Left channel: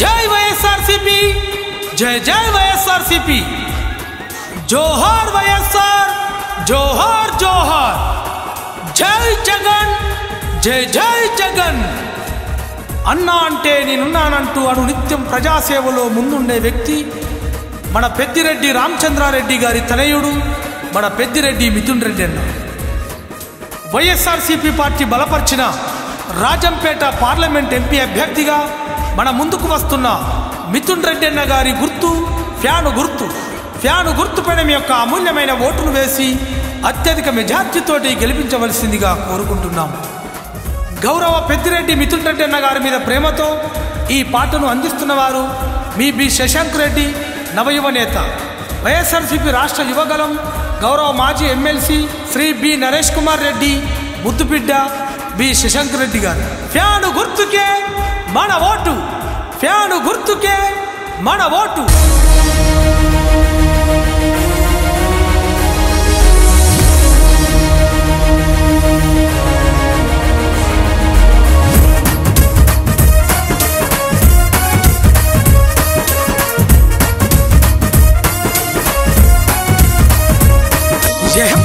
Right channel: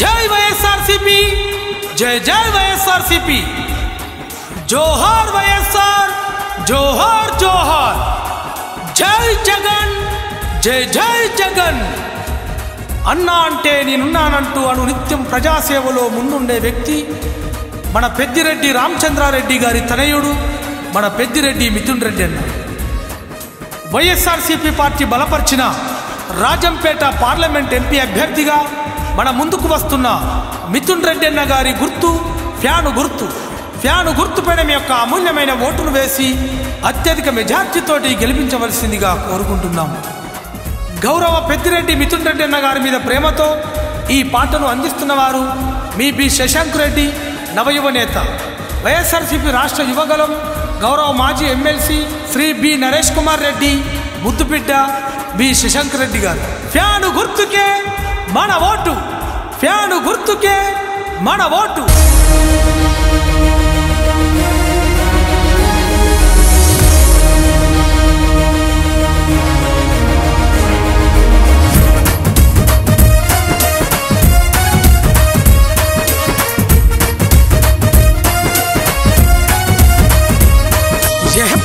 जय వైఎస్ఆర్సీపీ जय जय వైఎస్ఆర్సీపీ జోహార్ వైఎస్ఆర్ జోహార్ జోహార్ జై జగన్ జై జై జగన్ అన్నా అంటే నేనున్నానంటూ అను నిత్యం ప్రజాసేవలో ముందుండే వ్యక్తి మన పెద్దిరెడ్డి రామచంద్రారెడ్డి గారి తనయుడు మన పెద్దిరెడ్డి మిథున్ రెడ్డి అన్న వైఎస్ఆర్సీపీ పార్టీ బలపరిచిన రాజంపేట పార్లమెంట్ ఎంపీ అభ్యర్థిగా మన ముందుకు వస్తున్న మిథున్ రెడ్డి అన్న గారి గుర్తు ఫ్యాను గుర్తుపైన మీ యొక్క అమూల్యమైన ఓటును వేసి అత్యధిక మెజార్టీతోటి గెలిపించవలసిందిగా కోరుకుంటున్నాం. గౌరవ పెద్దిరెడ్డి మిథున్ రెడ్డి అన్న గారి మీద ప్రేమతో ఈ పాటను అందిస్తున్న వారు మీ బి శశాంక్ రెడ్డి, నవయువ నేత, వైఎస్ఆర్సీపీ రాష్ట్ర యువగలం, గౌరవ మాజీ ఎమ్మెల్సీ శ్రీ బి నరేష్ కుమార్ రెడ్డి, ముద్దుబిడ్డ బి శశాంక్ రెడ్డి గారు. ఫ్యాను గుర్తుకే మన ఓటు, ఫ్యాను గుర్తుకే మన ఓటు.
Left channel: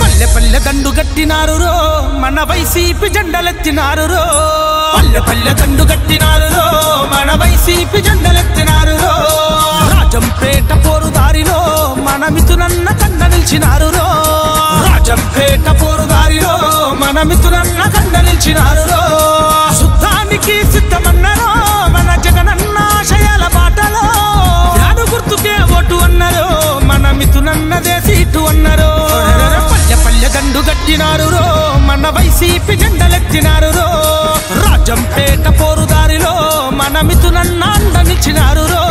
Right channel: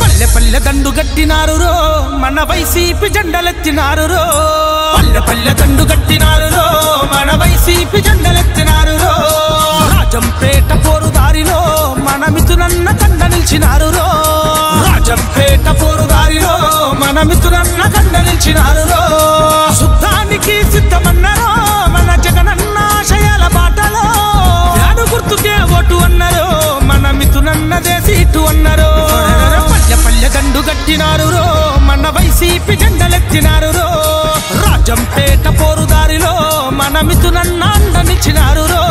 పల్లె పల్లె దండు గట్టినారు రో, మన వైసీపీ జెండలెత్తినారు రో. పల్లె పల్లె దండు గట్టినారు రో, మన వైసీపీ జెండలెత్తినారు రో. రాజంపేట పోరుదారిలో మన మిథునన్న కండ నిలిచినారు రో. రాజంపేట పోరుదారిలో మన మిథునన్న కండ నిలిచినారు రో. శుద్ధానికి సిద్ధమన్నారో మన జగనన్న ఆశయాల బాటలో. ఫ్యాను గుర్తుకే ఓటు అన్నారు, మన మిథునన్నదే సీటు అన్నారు. పల్లె పల్లె దండు గట్టినారు రో, మన వైసీపీ జెండలెత్తినారు రో. రాజంపేట పోరుదారిలో మన మిథునన్న అండ నిలిచినారు రో.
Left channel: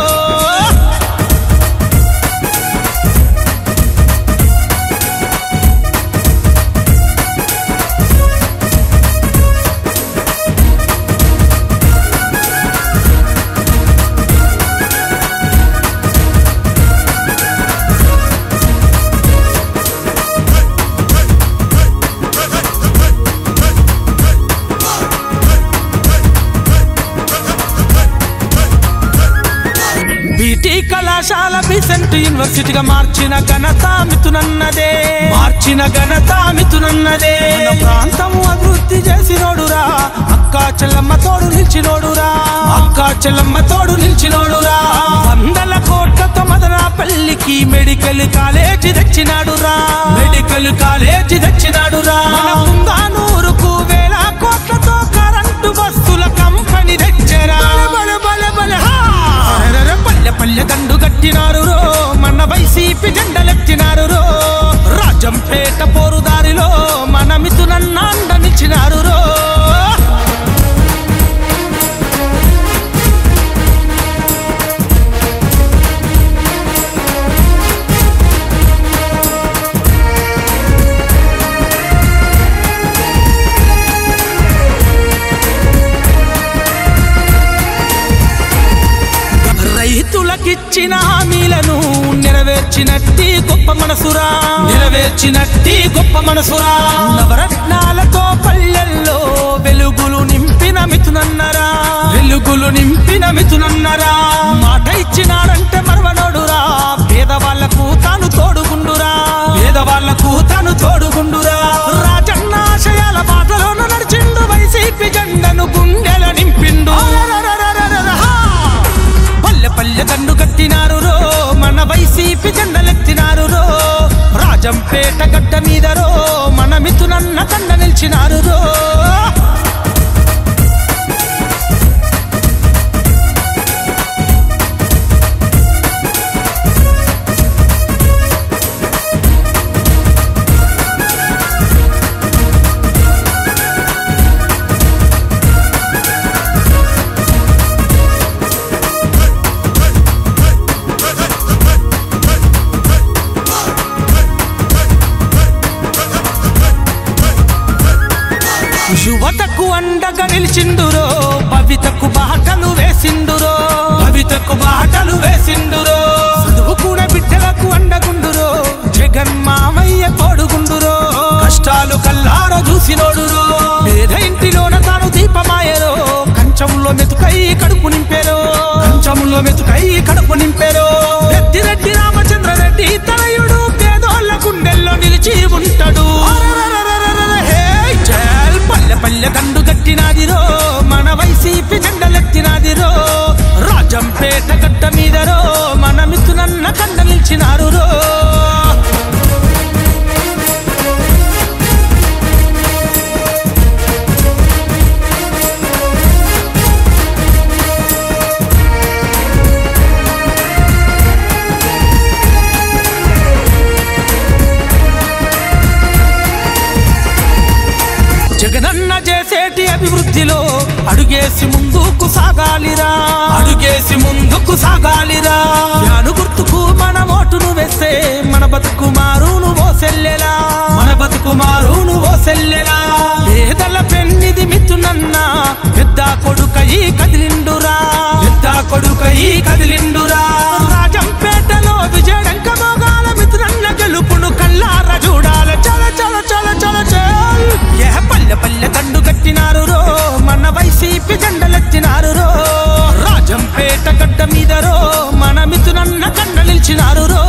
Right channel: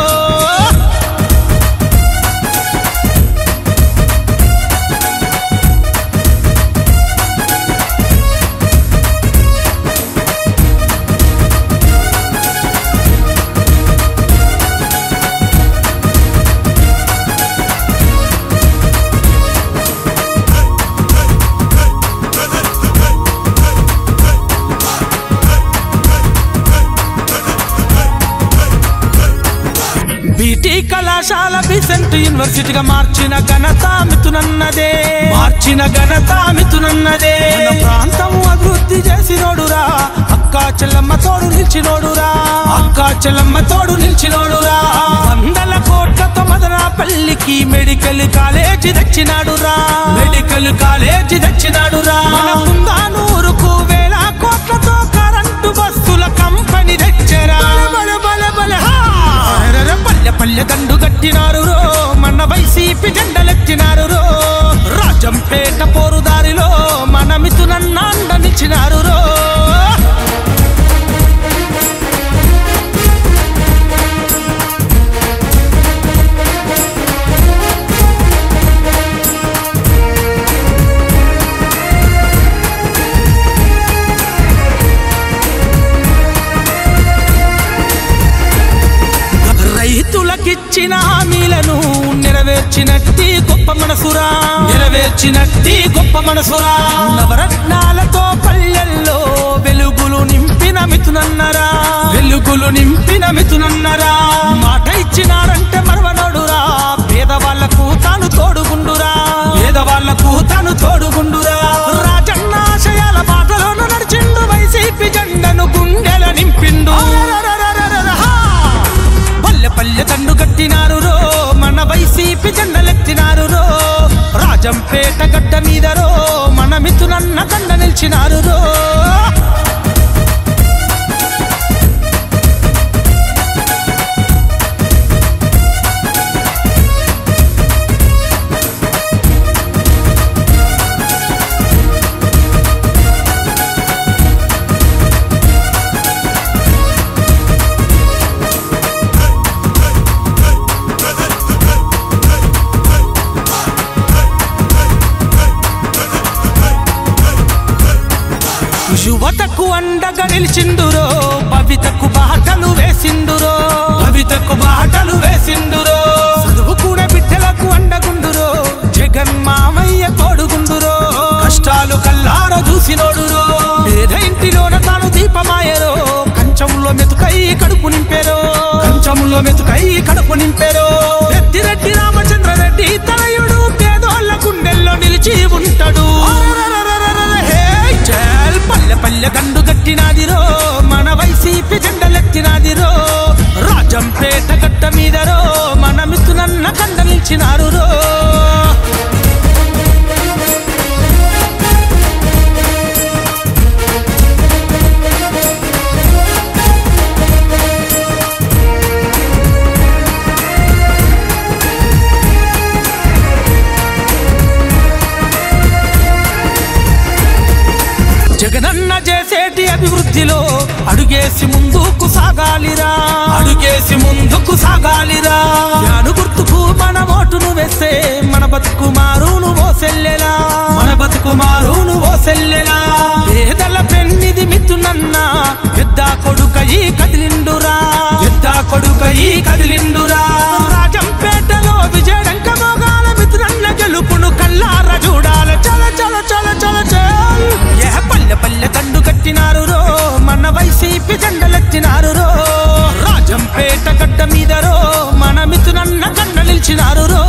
బీటీ కళాశాల బిసెంట్ యూనివర్సిటీగా మార్చిన ఘనత మిథునన్నదే, మార్చిన ఘనత మిథునన్నదే. మన ప్రాంతం అభివృద్ధి చేసినోడురా, అక్కా చెల్లమ్మ తోడు నిలిచినోడురా, అక్కా చెల్లమ్మ తోడు నిలిచినోడురా. 100 కోట్లతో మదనపల్లికి మెడికల్ కాలేజీ తెచ్చినాడురా, మెడికల్ కాలేజీ తెచ్చినాడురా. మన పుంగానూరుకు 1000 కోట్లతో కరెంటు బస్సుల కంపెనీ తెచ్చరా. పల్లె పల్లె దండు గట్టినారు రో, మన వైసీపీ జెండలెత్తినారు రో. రాజంపేట పోరుదారిలో మన మిథునన్న అండ నిలిచినారు రో. రైతులకిచ్చిన హామీలను నెరవేర్చినట్టి గొప్ప మనసురా, నెరవేర్చినట్టి గొప్ప మనసురా. నవరత్నాలతో పల్లెల్లో వెలుగులు నింపిన మిథునన్నరా, వెలుగులు నింపిన మిథునన్నరా. మాట ఇచ్చినారంటే మరవనోడురా, పేదవాళ్లకు తాను తోడుగుండురా, పేదవాళ్లకు తాను తోడుగుండురా. రాజన్న ఆశయాల బాటలోను నడిచిండు, వైసీపీ జెండను గుండెల నింపిండు. పల్లె పల్లె దండు కట్టినారు రో, మన వైసీపీ జెండలెత్తినారు రో. రాజంపేట గడ్డ మీద రో, మన మిథునన్న కండ నిలిచినారు రో. యువతకు అండగా నిలిచిండురో, భవితకు బాటలు వేసిండురో, భవితకు బాటలు వేసిండురో. చదువుకునే బిడ్డలకు అండగుండురో, జగన్ మామయ్య తోడుగుండురో. కష్టాలు కల్లార చూసినోడురో, పేద ఇంటిలోన తాను దీపమాయరో, కంచంలో మెతుకై కడుపు నింపెరో. మెతుకై కడుపు నింపెరో పెద్దిరెడ్డి రామచంద్రరెడ్డి తనయుడు పేదోళ్ళ గుండెల్లో నిలిచి ఉంటాడు పల్లె పల్లె దండు గట్టినాదిరో మన వైసీపీ జెండలెత్తినాదిరో రాజంపేట గడ్డ మీదరో మన మిత్రునన్న కండ నిలిచినారు రో జగనన్న చేసేటి అభివృద్ధిలో అడుగేసి ముందుకు సాగాలిరా యాను గుర్తుకు మన ఓటును వేస్తే మన బతుకు మారును ఓ సెల్లెలా పేదల పెన్నిది మిత్రునన్న పెద్ద కొడుకయి కదిలిండురా రాజంపేటలో విజయడంక మోగాల మిత్రునన్న గెలుపును కల్లార చూడాల చల పల్లె పల్లె దండు కట్టినారు రో మన వైసీపీ జెండలెత్తినారు రో రాజంపేట గడ్డ మీదరో మన మిత్రునన్న కండ నిలిచినారు రో